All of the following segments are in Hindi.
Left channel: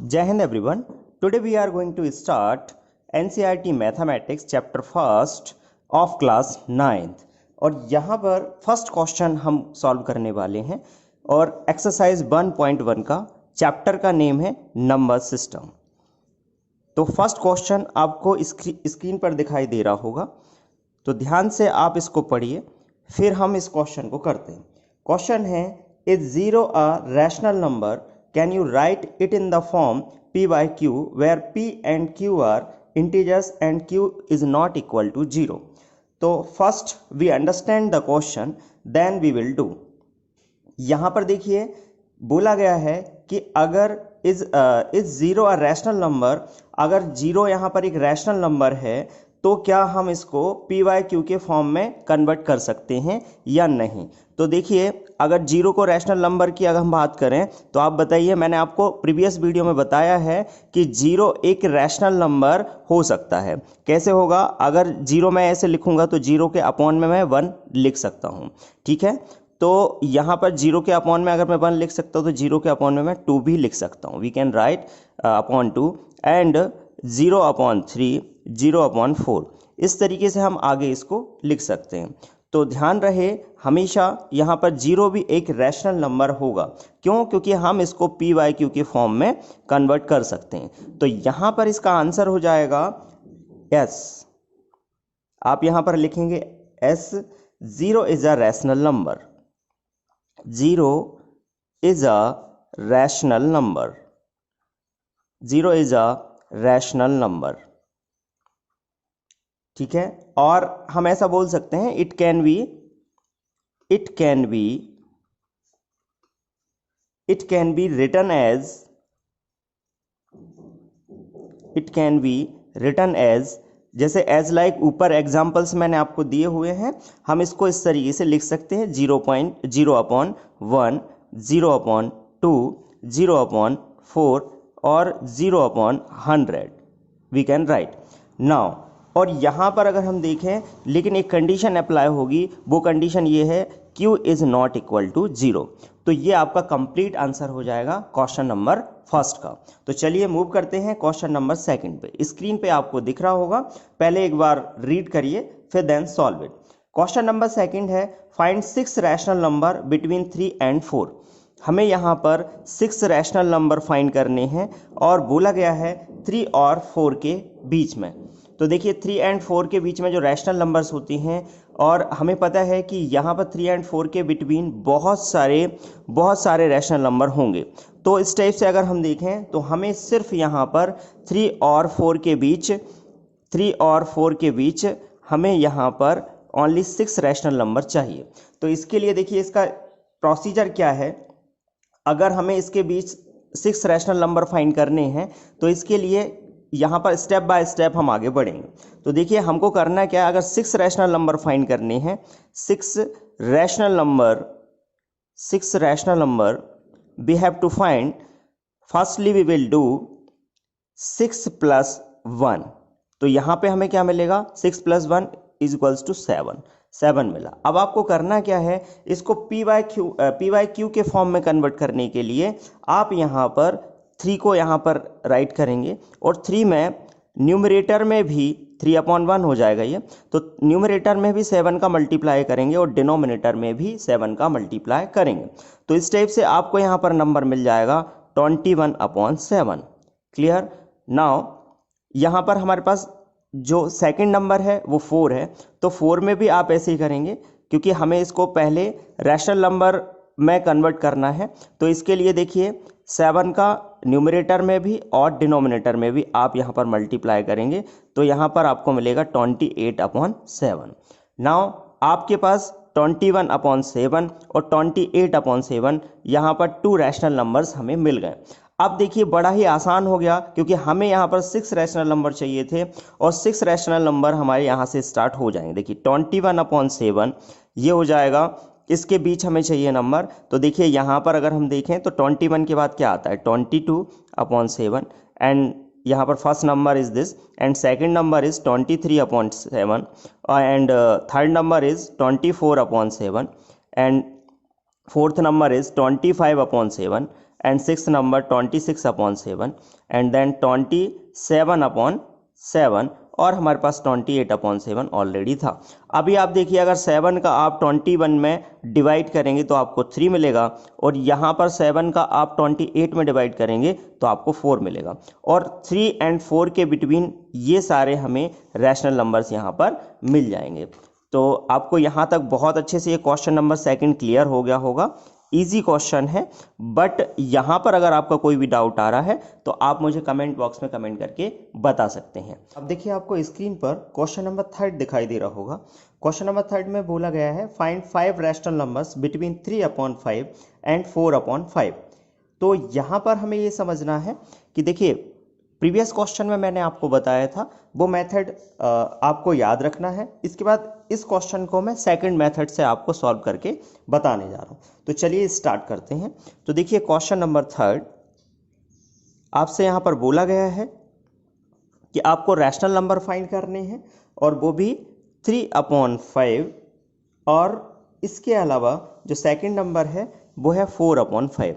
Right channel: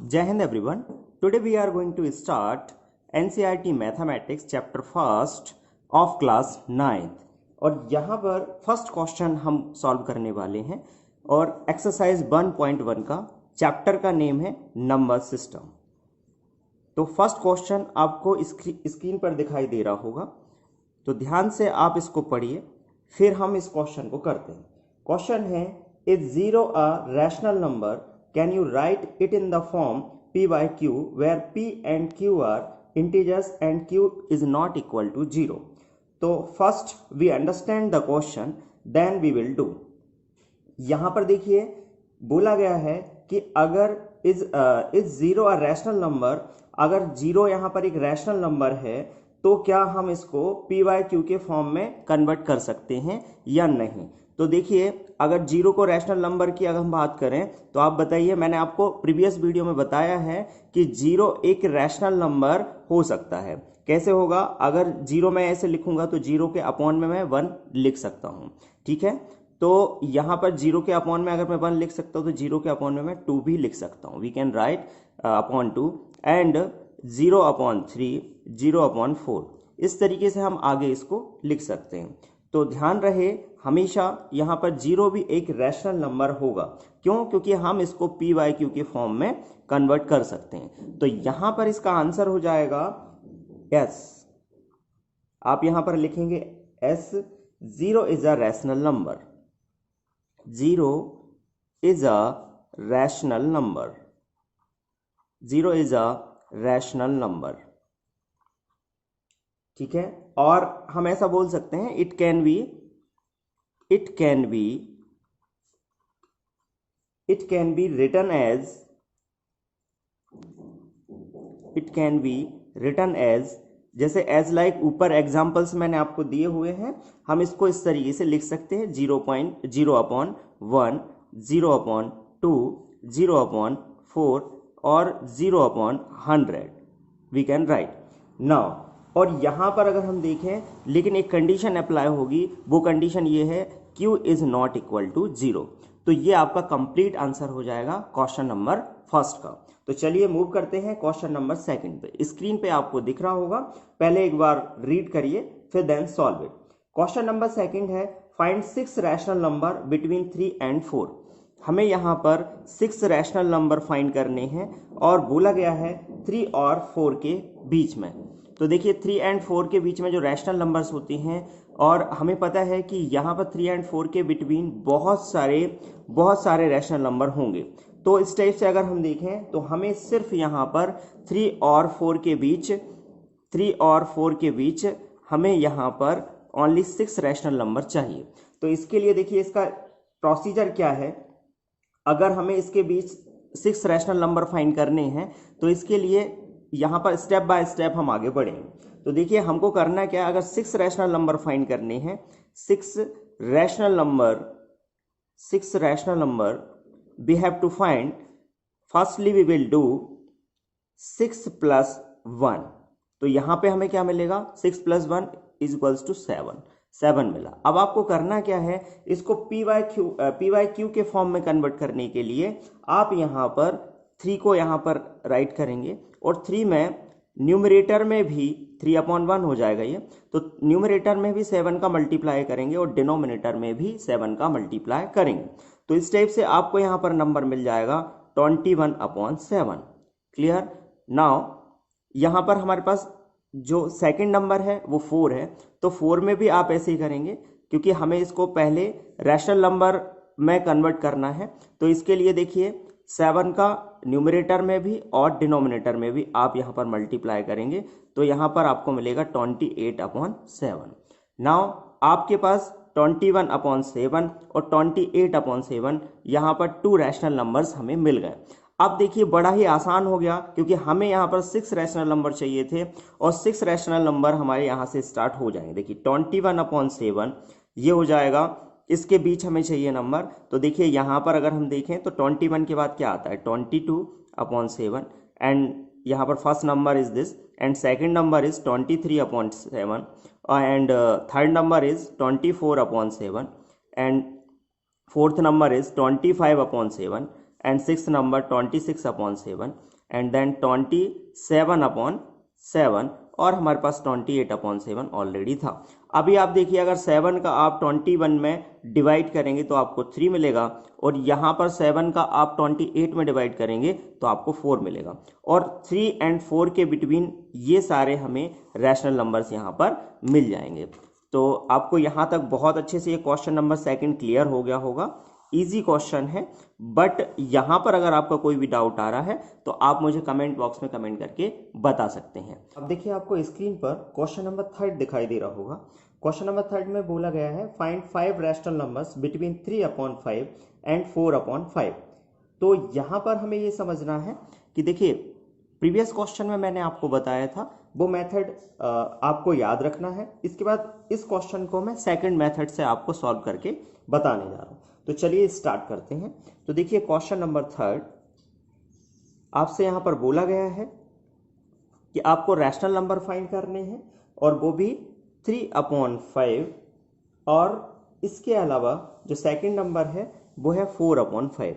Jai Hind everyone. Today we are going to start NCERT Mathematics chapter first of class 9th और यहाँ पर फर्स्ट क्वेश्चन हम सॉल्व करने वाले हैं और एक्सरसाइज 1.1 का चैप्टर का नेम है नंबर सिस्टम। तो फर्स्ट क्वेश्चन आपको स्क्रीन पर दिखाई दे रहा होगा, तो ध्यान से आप इसको पढ़िए, फिर हम इस क्वेश्चन को करते हैं। क्वेश्चन है, is zero a rational number, can you right it in the form p by q where p and q are integers and q is not equal to 0। तो first we understand the question then we will do. यहाँ पर देखिए बोला गया है कि अगर is zero a rational number, अगर जीरो यहाँ पर एक रैशनल नंबर है तो क्या हम इसको पी वाई क्यू के फॉर्म में कन्वर्ट कर सकते हैं या नहीं। तो देखिए अगर जीरो को रैशनल नंबर की अगर हम बात करें तो आप बताइए, मैंने आपको प्रीवियस वीडियो में बताया है कि जीरो एक रैशनल नंबर हो सकता है। कैसे होगा, अगर जीरो मैं ऐसे लिखूंगा तो जीरो के अपॉन में मैं 1 लिख सकता हूँ, ठीक है। तो यहाँ पर जीरो के अपॉन में अगर मैं 1 लिख सकता हूँ तो जीरो के अपॉन में मैं 2 भी लिख सकता हूँ। We can write upon 2 and 0 upon 3, 0 upon 4, इस तरीके से हम आगे इसको लिख सकते हैं। तो ध्यान रहे हमेशा यहाँ पर जीरो भी एक रैशनल नंबर होगा। क्यों? क्योंकि हम इसको पी वाई क्यू के फॉर्म में कन्वर्ट कर सकते हैं। तो यहाँ पर इसका आंसर हो जाएगा एस। आप यहाँ पर लिखेंगे as. Zero is a rational number, zero is a rational number, zero is a rational number, ठीक है। और हम ऐसा बोल सकते हैं, it can be written as, जैसे एज लाइक ऊपर एग्जांपल्स मैंने आपको दिए हुए हैं, हम इसको इस तरीके से लिख सकते हैं 0.0 अपॉन 1, 0 अपॉन 2, 0 अपॉन 4 और 0 upon 100 we can write now. और यहाँ पर अगर हम देखें, लेकिन एक कंडीशन अप्लाई होगी, वो कंडीशन ये है q is not equal to 0। तो ये आपका कंप्लीट आंसर हो जाएगा क्वेश्चन नंबर फर्स्ट का। तो चलिए मूव करते हैं क्वेश्चन नंबर सेकंड पे। स्क्रीन पे आपको दिख रहा होगा, पहले एक बार रीड करिए फिर then solve it. Question number second है, find 6 rational number between 3 and 4। हमें यहाँ पर 6 रैशनल नंबर फाइंड करने हैं और बोला गया है 3 और 4 के बीच में। तो देखिए 3 and 4 के बीच में जो रैशनल नंबर्स होती हैं, और हमें पता है कि यहाँ पर 3 and 4 के बिटवीन बहुत सारे रैशनल नंबर होंगे। तो इस टाइप से अगर हम देखें तो हमें सिर्फ यहाँ पर 3 और 4 के बीच हमें यहाँ पर ओनली 6 रैशनल नंबर चाहिए। तो इसके लिए देखिए इसका प्रोसीजर क्या है। अगर हमें इसके बीच 6 रैशनल नंबर फाइंड करने हैं तो इसके लिए यहाँ पर स्टेप बाय स्टेप हम आगे बढ़ेंगे। तो देखिए हमको करना क्या है, अगर 6 रैशनल नंबर फाइंड करने हैं, 6 rational number we have to find, firstly we will do 6 + 1। तो यहाँ पे हमें क्या मिलेगा, 6 + 1 = 7 मिला। अब आपको करना क्या है, इसको पी वाई क्यू के फॉर्म में कन्वर्ट करने के लिए आप यहाँ पर 3 को यहाँ पर राइट करेंगे और 3 में न्यूमरेटर में भी 3/1 हो जाएगा ये। तो न्यूमरेटर में भी 7 का मल्टीप्लाई करेंगे और डिनोमिनेटर में भी 7 का मल्टीप्लाई करेंगे। तो इस टाइप से आपको यहाँ पर नंबर मिल जाएगा 21/7। क्लियर। नाउ यहाँ पर हमारे पास जो सेकंड नंबर है वो 4 है, तो 4 में भी आप ऐसे ही करेंगे क्योंकि हमें इसको पहले रैशनल नंबर में कन्वर्ट करना है। तो इसके लिए देखिए 7 का न्यूमरेटर में भी और डिनोमिनेटर में भी आप यहाँ पर मल्टीप्लाई करेंगे, तो यहाँ पर आपको मिलेगा 28/7। नाउ आपके पास 21/7 और 28/7 यहाँ पर 2 रैशनल नंबर्स हमें मिल गए। अब देखिए बड़ा ही आसान हो गया क्योंकि हमें यहाँ पर 6 रैशनल नंबर चाहिए थे और 6 रैशनल नंबर हमारे यहाँ से स्टार्ट हो जाएंगे। देखिए 21/7 ये हो जाएगा, इसके बीच हमें चाहिए नंबर। तो देखिए यहाँ पर अगर हम देखें तो 21 के बाद क्या आता है, 22/7 एंड यहाँ पर first number is this and second number is 23/7 and third number is 24/7 and fourth number is 25/7 and six number 26/7 and then 27/7 और हमारे पास 28/7 ऑलरेडी था। अभी आप देखिए अगर 7 का आप 21 में डिवाइड करेंगे तो आपको 3 मिलेगा और यहाँ पर 7 का आप 28 में डिवाइड करेंगे तो आपको 4 मिलेगा और 3 एंड 4 के बिटवीन ये सारे हमें रैशनल नंबर्स यहाँ पर मिल जाएंगे। तो आपको यहाँ तक बहुत अच्छे से ये क्वेश्चन नंबर 2 क्लियर हो गया होगा। इजी क्वेश्चन है, बट यहाँ पर अगर आपका कोई भी डाउट आ रहा है तो आप मुझे कमेंट बॉक्स में कमेंट करके बता सकते हैं। अब देखिए आपको स्क्रीन पर क्वेश्चन नंबर 3 दिखाई दे रहा होगा। क्वेश्चन नंबर 3 में बोला गया है find 5 rational numbers between 3/5 and 4/5। तो यहाँ पर हमें ये समझना है कि देखिए प्रीवियस क्वेश्चन में मैंने आपको बताया था वो मेथड आपको याद रखना है। इसके बाद इस क्वेश्चन को मैं सेकंड मेथड से आपको सॉल्व करके बताने जा रहा हूँ। तो चलिए स्टार्ट करते हैं। तो देखिए क्वेश्चन नंबर 3 आपसे यहाँ पर बोला गया है कि आपको रैशनल नंबर फाइंड करने हैं और वो भी 3/5 और इसके अलावा जो सेकंड नंबर है वो है 4/5।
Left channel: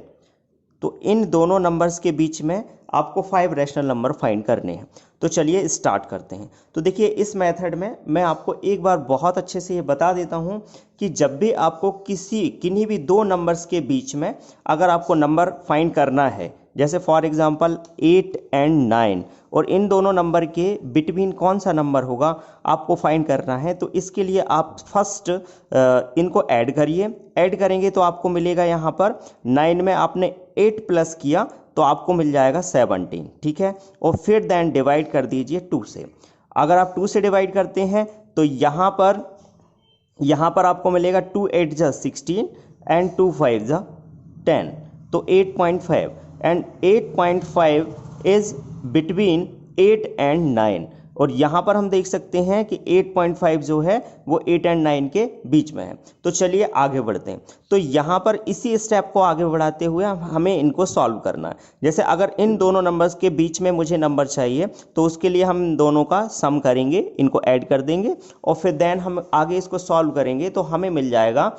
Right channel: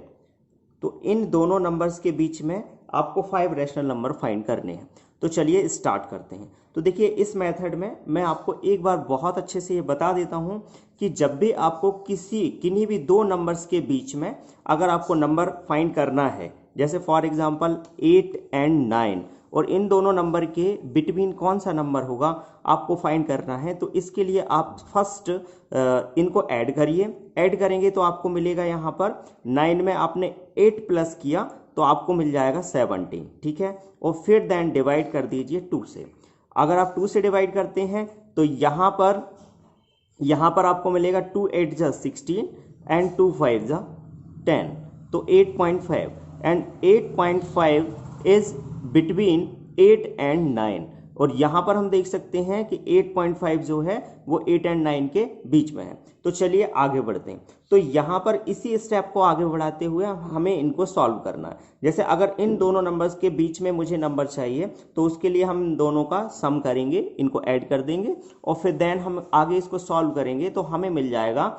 तो इन दोनों नंबर्स के बीच में आपको 5 रैशनल नंबर फाइंड करने हैं। तो चलिए स्टार्ट करते हैं। तो देखिए इस मेथड में मैं आपको एक बार बहुत अच्छे से ये बता देता हूँ कि जब भी आपको किन्हीं भी दो नंबर्स के बीच में अगर आपको नंबर फाइंड करना है, जैसे फॉर एग्जांपल 8 एंड 9 और इन दोनों नंबर के बिटवीन कौन सा नंबर होगा आपको फाइंड करना है। तो इसके लिए आप फर्स्ट इनको ऐड करिए। ऐड करेंगे तो आपको मिलेगा यहाँ पर 9 में आपने 8 प्लस किया तो आपको मिल जाएगा 17, ठीक है। और फिर देन डिवाइड कर दीजिए 2 से। अगर आप 2 से डिवाइड करते हैं तो यहाँ पर आपको मिलेगा 2 8 जा 16 एंड 2 5 जा 10, तो 8.5 एंड 8.5 इज बिटवीन 8 एंड 9। और यहाँ पर हम देख सकते हैं कि 8.5 जो है वो 8 एंड 9 के बीच में है। तो चलिए आगे बढ़ते हैं। तो यहाँ पर इसी स्टेप को आगे बढ़ाते हुए हमें इनको सॉल्व करना है। जैसे अगर इन दोनों नंबर्स के बीच में मुझे नंबर चाहिए तो उसके लिए हम दोनों का सम करेंगे, इनको ऐड कर देंगे और फिर देन हम आगे इसको सॉल्व करेंगे तो हमें मिल जाएगा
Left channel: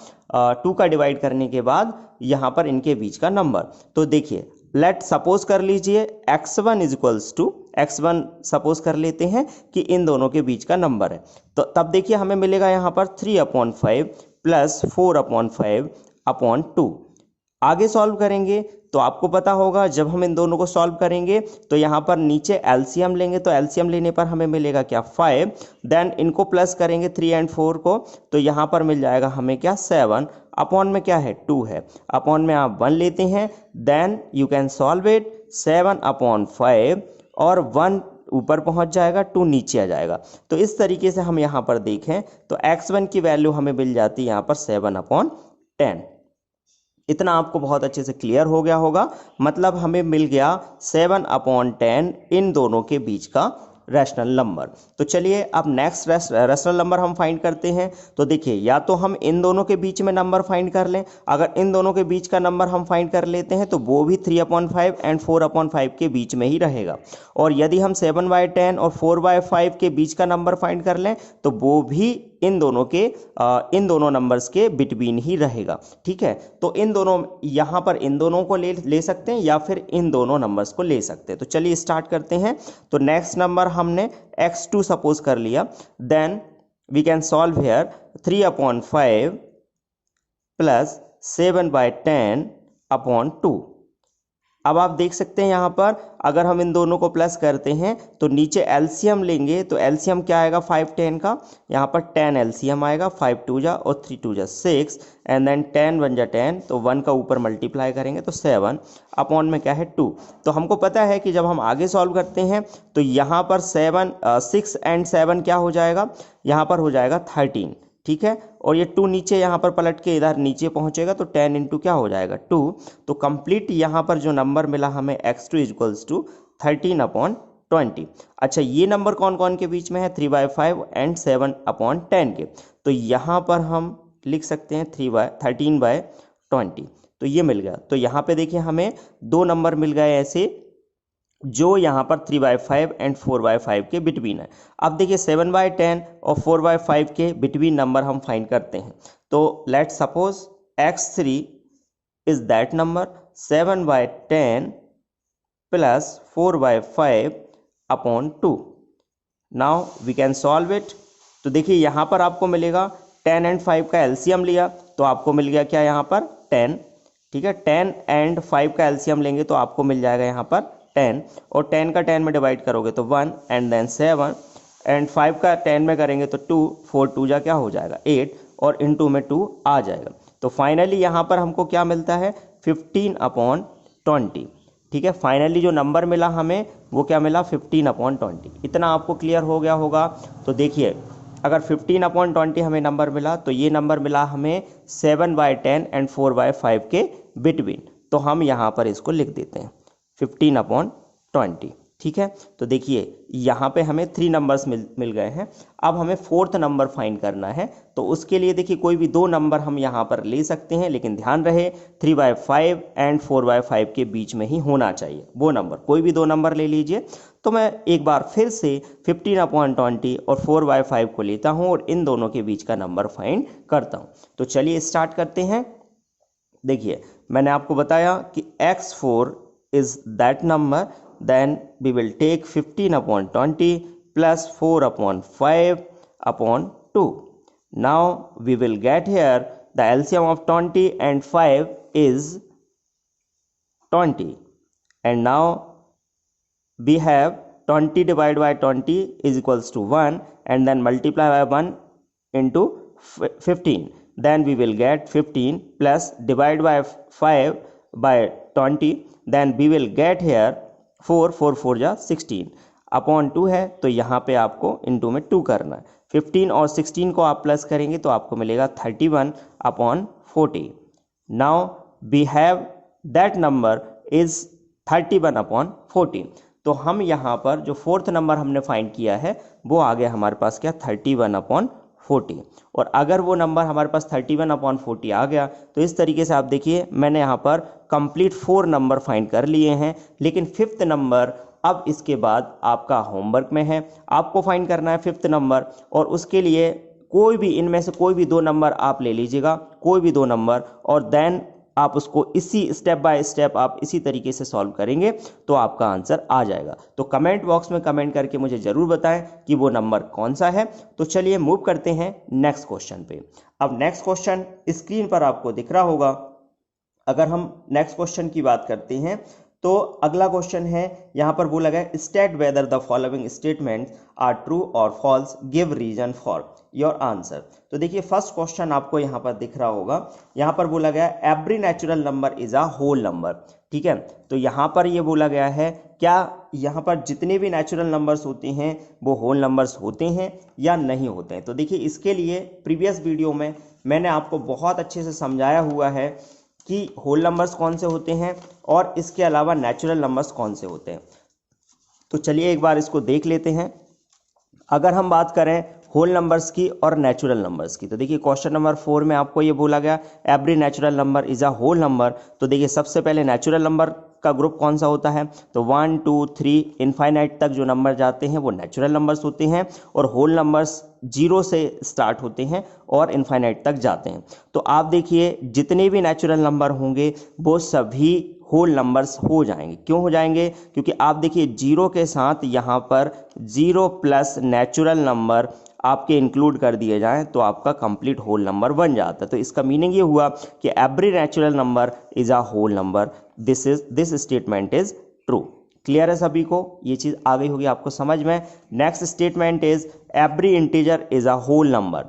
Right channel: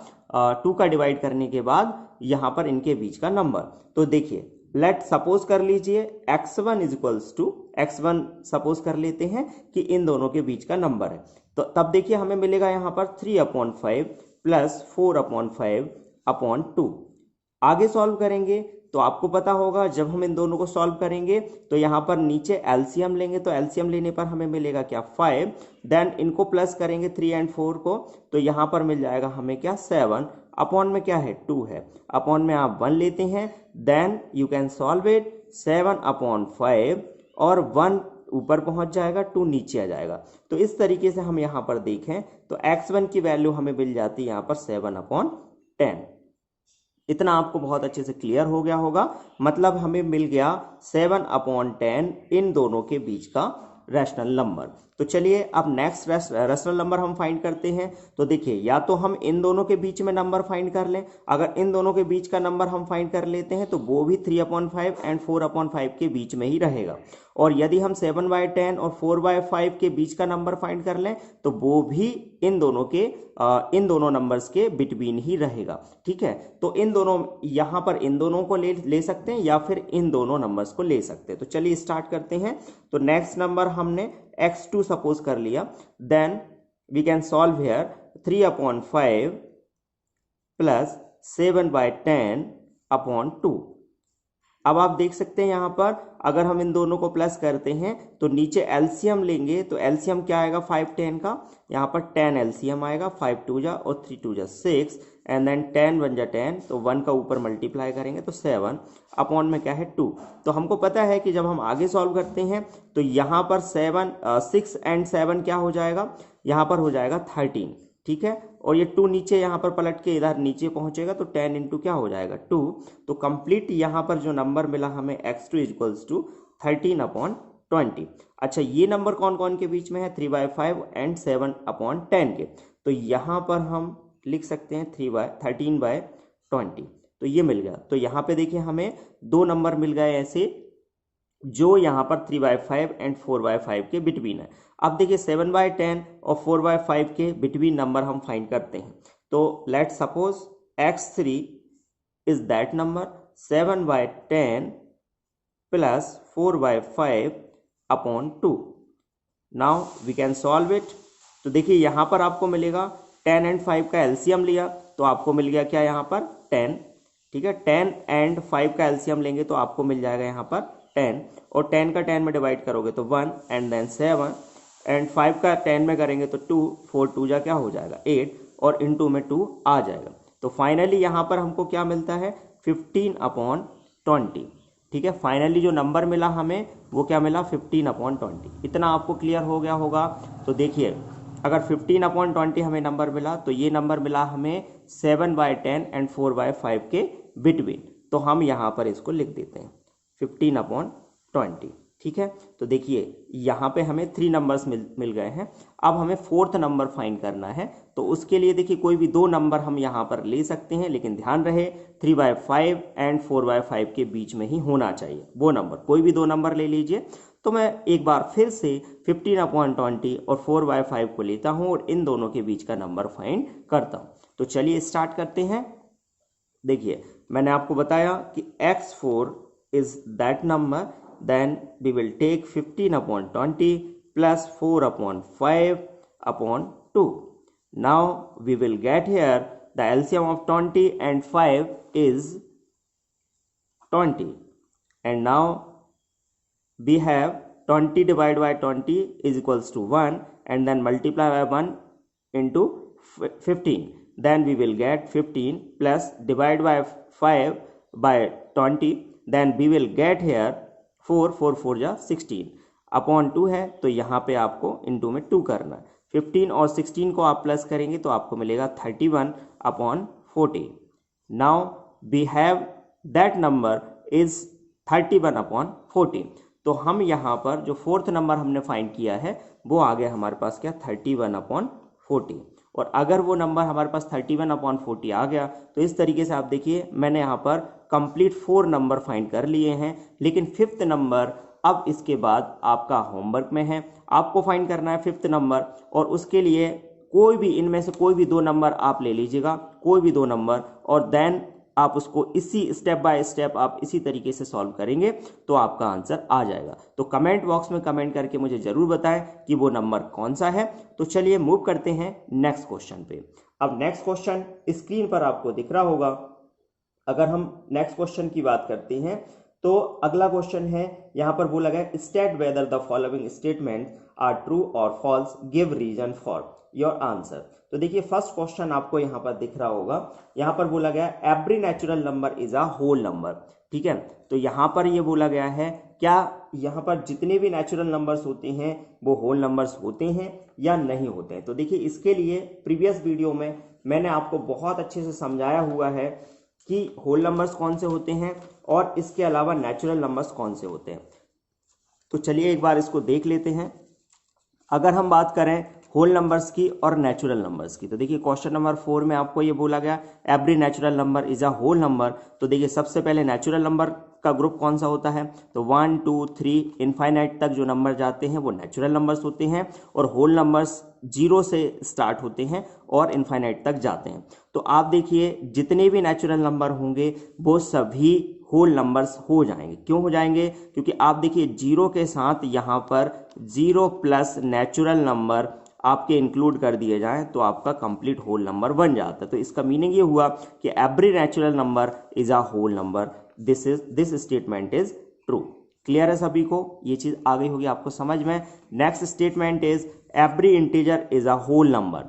2 का डिवाइड करने के बाद यहाँ पर इनके बीच का नंबर। तो देखिए लेट सपोज कर लीजिए x1 equals to x1 suppose कर लेते हैं कि इन दोनों के बीच का नंबर है। तो तब देखिए हमें मिलेगा यहाँ पर 3/5 प्लस 4/5/2। आगे सॉल्व करेंगे तो आपको पता होगा जब हम इन दोनों को सॉल्व करेंगे तो यहाँ पर नीचे एलसीएम लेंगे तो एलसीएम लेने पर हमें मिलेगा क्या 5, देन इनको प्लस करेंगे 3 एंड 4 को तो यहाँ पर मिल जाएगा हमें क्या 7, अपॉन में क्या है 2 है, अपॉन में आप 1 लेते हैं, then you can solve it 7/5 और 1 ऊपर पहुंच जाएगा, 2 नीचे आ जाएगा। तो इस तरीके से हम यहाँ पर देखें तो x1 की वैल्यू हमें मिल जाती है यहाँ पर 7/10। इतना आपको बहुत अच्छे से क्लियर हो गया होगा। मतलब हमें मिल गया 7/10 इन दोनों के बीच का रैशनल नंबर। तो चलिए अब नेक्स्ट रैशनल नंबर हम फाइंड करते हैं। तो देखिए या तो हम इन दोनों के बीच में नंबर फाइंड कर लें, अगर इन दोनों के बीच का नंबर हम फाइंड कर लेते हैं तो वो भी 3/5 एंड 4/5 के बीच में ही रहेगा। और यदि हम 7/10 और 4/5 के बीच का नंबर फाइंड कर लें तो वो भी इन दोनों नंबर्स के बिटवीन ही रहेगा, ठीक है। तो इन दोनों यहाँ पर इन दोनों को ले सकते हैं या फिर इन दोनों नंबर्स को ले सकते हैं। तो चलिए स्टार्ट करते हैं। तो नेक्स्ट नंबर हमने x2 सपोज कर लिया, then we can solve here 3/5 plus 7/10/2। अब आप देख सकते हैं यहाँ पर अगर हम इन दोनों को प्लस करते हैं तो नीचे एलसीएम लेंगे तो एलसीएम क्या आएगा 5 10 का, यहाँ पर 10 एलसीएम आएगा, 5 2 जा और 3 2 जा 6 एंड देन 10 1 जा 10, तो 1 का ऊपर मल्टीप्लाई करेंगे तो 7, अपॉन में क्या है 2। तो हमको पता है कि जब हम आगे सॉल्व करते हैं तो यहाँ पर 6 एंड 7 क्या हो जाएगा, यहाँ पर हो जाएगा 13, ठीक है। और ये 2 नीचे यहाँ पर पलट के इधर नीचे पहुंचेगा तो 10 इंटू क्या हो जाएगा 2। तो कंप्लीट यहाँ पर जो नंबर मिला हमें x2 इक्वल्स टू 13/20। अच्छा ये नंबर कौन कौन के बीच में है 3/5 एंड 7/10 के। तो यहाँ पर हम लिख सकते हैं 13/20। तो ये मिल गया। तो यहाँ पे देखिए हमें दो नंबर मिल गए ऐसे जो यहाँ पर 3/5 एंड 4/5 के बिटवीन है। अब देखिए 7/10 और 4/5 के बिटवीन नंबर हम फाइंड करते हैं। तो let suppose x3 is that number, 7/10 plus 4/5 upon 2। Now we can solve it. तो देखिए यहाँ पर आपको मिलेगा 10 एंड 5 का एलसीएम लिया तो आपको मिल गया क्या यहाँ पर 10। ठीक है, 10 एंड 5 का एलसीएम लेंगे तो आपको मिल जाएगा यहाँ पर 10, और 10 का 10 में डिवाइड करोगे तो 1 एंड देन 7 एंड 5 का 10 में करेंगे तो 2, 4 2 जा क्या हो जाएगा 8 और इनटू में 2 आ जाएगा। तो फाइनली यहाँ पर हमको क्या मिलता है 15/20। ठीक है, फाइनली जो नंबर मिला हमें वो क्या मिला 15/20। इतना आपको क्लियर हो गया होगा। तो देखिए अगर 15/20 हमें नंबर मिला तो ये नंबर मिला हमें 7/10 एंड 4/5 के बिटवीन। तो हम यहाँ पर इसको लिख देते हैं 15/20। ठीक है, तो देखिए यहाँ पे हमें 3 नंबर्स मिल गए हैं। अब हमें 4th नंबर फाइंड करना है। तो उसके लिए देखिए कोई भी 2 नंबर हम यहाँ पर ले सकते हैं, लेकिन ध्यान रहे 3/5 एंड 4/5 के बीच में ही होना चाहिए वो नंबर। कोई भी 2 नंबर ले लीजिए। तो मैं एक बार फिर से 15/20 और 4/5 को लेता हूँ और इन दोनों के बीच का नंबर फाइंड करता हूँ। तो चलिए स्टार्ट करते हैं। देखिए मैंने आपको बताया कि x4 is that number, then we will take 15/20 plus 4/5 upon 2. Now we will get here the LCM of 20 and 5 is 20, and now we have 20 divided by 20 is equals to 1, and then multiply by 1 into 15. Then we will get 15 plus divide by 5 by 20, then we will get here 4 4 4 जा 16 अपॉन 2 है। तो यहाँ पे आपको इनटू में 2 करना है। 15 और 16 को आप प्लस करेंगे तो आपको मिलेगा 31/40। Now we have that number is 31/40। तो हम यहाँ पर जो 4th नंबर हमने फाइंड किया है वो आ गया हमारे पास क्या 31/40। और अगर वो नंबर हमारे पास 31/40 आ गया तो इस तरीके से आप देखिए मैंने यहाँ पर कंप्लीट 4 नंबर फाइंड कर लिए हैं। लेकिन 5th नंबर अब इसके बाद आपका होमवर्क में है, आपको फाइंड करना है 5th नंबर। और उसके लिए कोई भी इनमें से कोई भी 2 नंबर आप ले लीजिएगा, कोई भी 2 नंबर, और देन आप उसको इसी स्टेप बाय स्टेप आप इसी तरीके से सॉल्व करेंगे तो आपका आंसर आ जाएगा। तो कमेंट बॉक्स में कमेंट करके मुझे ज़रूर बताएं कि वो नंबर कौन सा है। तो चलिए मूव करते हैं नेक्स्ट क्वेश्चन पे। अब नेक्स्ट क्वेश्चन स्क्रीन पर आपको दिख रहा होगा। अगर हम नेक्स्ट क्वेश्चन की बात करते हैं तो अगला क्वेश्चन है, यहाँ पर बोला गया state whether the following statements are true और false, give reason for your answer. तो देखिए फर्स्ट क्वेश्चन आपको यहाँ पर दिख रहा होगा। यहाँ पर बोला गया every natural number is a whole number. ठीक है, तो यहाँ पर ये बोला गया है क्या यहाँ पर जितने भी नेचुरल नंबर्स होते हैं वो होल नंबर्स होते हैं या नहीं होते हैं। तो देखिए इसके लिए प्रीवियस वीडियो में मैंने आपको बहुत अच्छे से समझाया हुआ है कि होल नंबर्स कौन से होते हैं और इसके अलावा नेचुरल नंबर्स कौन से होते हैं। तो चलिए एक बार इसको देख लेते हैं। अगर हम बात करें होल नंबर्स की और नेचुरल नंबर्स की, तो देखिए क्वेश्चन नंबर 4 में आपको ये बोला गया every natural number is a whole number. तो देखिए सबसे पहले नेचुरल नंबर का ग्रुप कौन सा होता है, तो 1 2 3 इनफाइनाइट तक जो नंबर जाते हैं वो नेचुरल नंबर्स होते हैं, और होल नंबर्स 0 से स्टार्ट होते हैं और इनफाइनाइट तक जाते हैं। तो आप देखिए जितने भी नेचुरल नंबर होंगे वो सभी होल नंबर्स हो जाएंगे। क्यों हो जाएंगे, क्योंकि आप देखिए 0 के साथ यहाँ पर 0 प्लस नेचुरल नंबर आपके इंक्लूड कर दिए जाएं तो आपका कंप्लीट होल नंबर बन जाता है। तो इसका मीनिंग ये हुआ कि every natural number is a whole number. This statement is true. Clear है सभी को, ये चीज आ गई होगी आपको समझ में। Next statement is every integer is a whole number.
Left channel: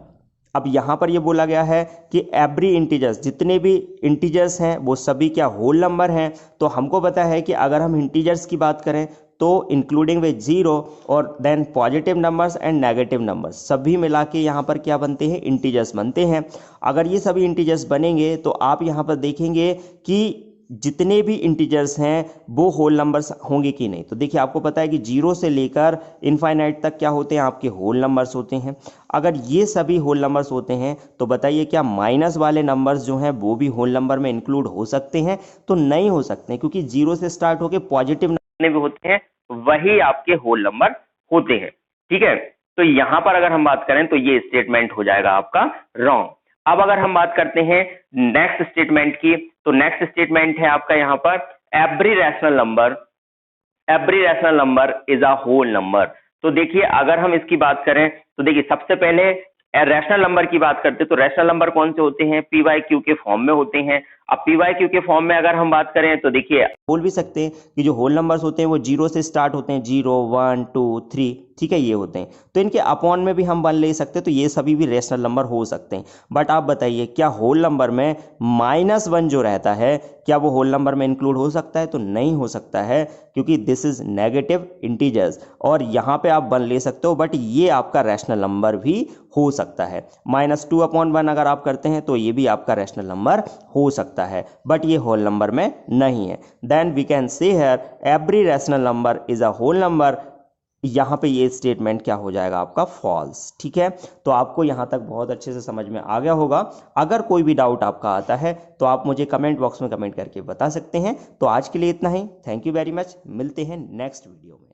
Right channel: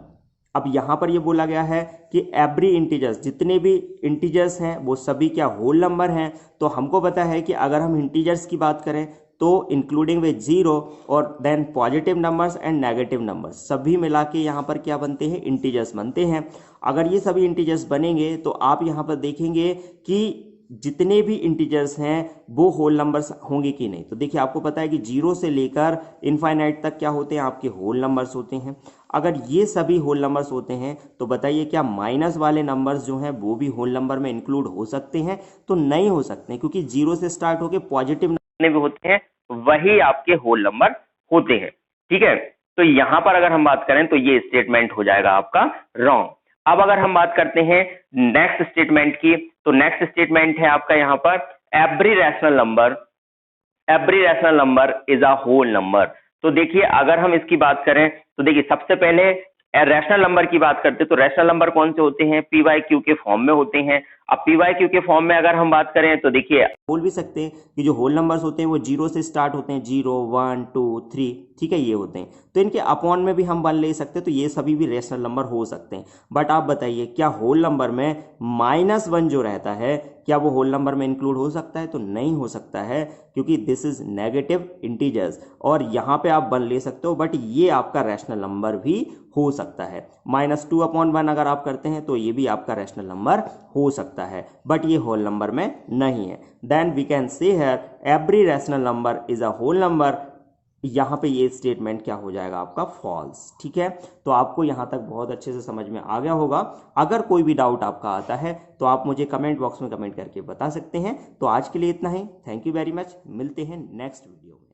अब यहां पर ये बोला गया है कि एवरी इंटीजर्स, जितने भी इंटीजर्स हैं वो सभी क्या होल नंबर हैं। तो हमको पता है कि अगर हम इंटीजर्स की बात करें तो इंक्लूडिंग विद 0 और then positive numbers and negative numbers सभी मिला के यहाँ पर क्या बनते हैं, इंटीजर्स बनते हैं। अगर ये सभी इंटीजर्स बनेंगे तो आप यहाँ पर देखेंगे कि जितने भी इंटीजर्स हैं वो होल नंबर्स होंगे कि नहीं। तो देखिए आपको पता है कि 0 से लेकर इनफाइनाइट तक क्या होते हैं, आपके होल नंबर्स होते हैं। अगर ये सभी होल नंबर्स होते हैं तो बताइए क्या माइनस वाले नंबर्स जो हैं वो भी होल नंबर में इंक्लूड हो सकते हैं, तो नहीं हो सकते, क्योंकि 0 से स्टार्ट होकर पॉजिटिव नंबर भी होते हैं वही आपके होल नंबर होते हैं। ठीक है, तो यहां पर अगर हम बात करें तो ये स्टेटमेंट हो जाएगा आपका रॉन्ग। अब अगर हम बात करते हैं नेक्स्ट स्टेटमेंट की, तो नेक्स्ट स्टेटमेंट है आपका यहाँ पर every rational number is a whole number. तो देखिए अगर हम इसकी बात करें तो देखिए सबसे पहले रैशनल नंबर की बात करते हैं तो रैशनल नंबर कौन से होते हैं, पी वाई क्यू के फॉर्म में होते हैं। अब पी वाई क्यू के फॉर्म में अगर हम बात करें तो देखिए बोल भी सकते हैं कि जो होल नंबर्स होते हैं वो 0 से स्टार्ट होते हैं, 0 1 2 3, ठीक है, ये होते हैं। तो इनके अपॉन में भी हम 1 ले सकते हैं, तो ये सभी भी रेशनल नंबर हो सकते हैं। बट आप बताइए क्या होल नंबर में -1 जो रहता है क्या वो होल नंबर में इंक्लूड हो सकता है? तो नहीं हो सकता है, क्योंकि दिस इज नेगेटिव इंटीजर्स और यहाँ पे आप 1 ले सकते हो, बट ये आपका रैशनल नंबर भी हो सकता है। -2/1 अगर आप करते हैं तो ये भी आपका रैशनल नंबर हो सकता है, बट ये होल नंबर में नहीं है। Then we can say here every rational number is a whole number. यहाँ पे ये स्टेटमेंट क्या हो जाएगा आपका फॉल्स, ठीक है। तो आपको यहाँ तक बहुत अच्छे से समझ में आ गया होगा। अगर कोई भी डाउट आपका आता है तो आप मुझे कमेंट बॉक्स में कमेंट करके बता सकते हैं। तो आज के लिए इतना ही। Thank you very much. मिलते हैं नेक्स्ट वीडियो में।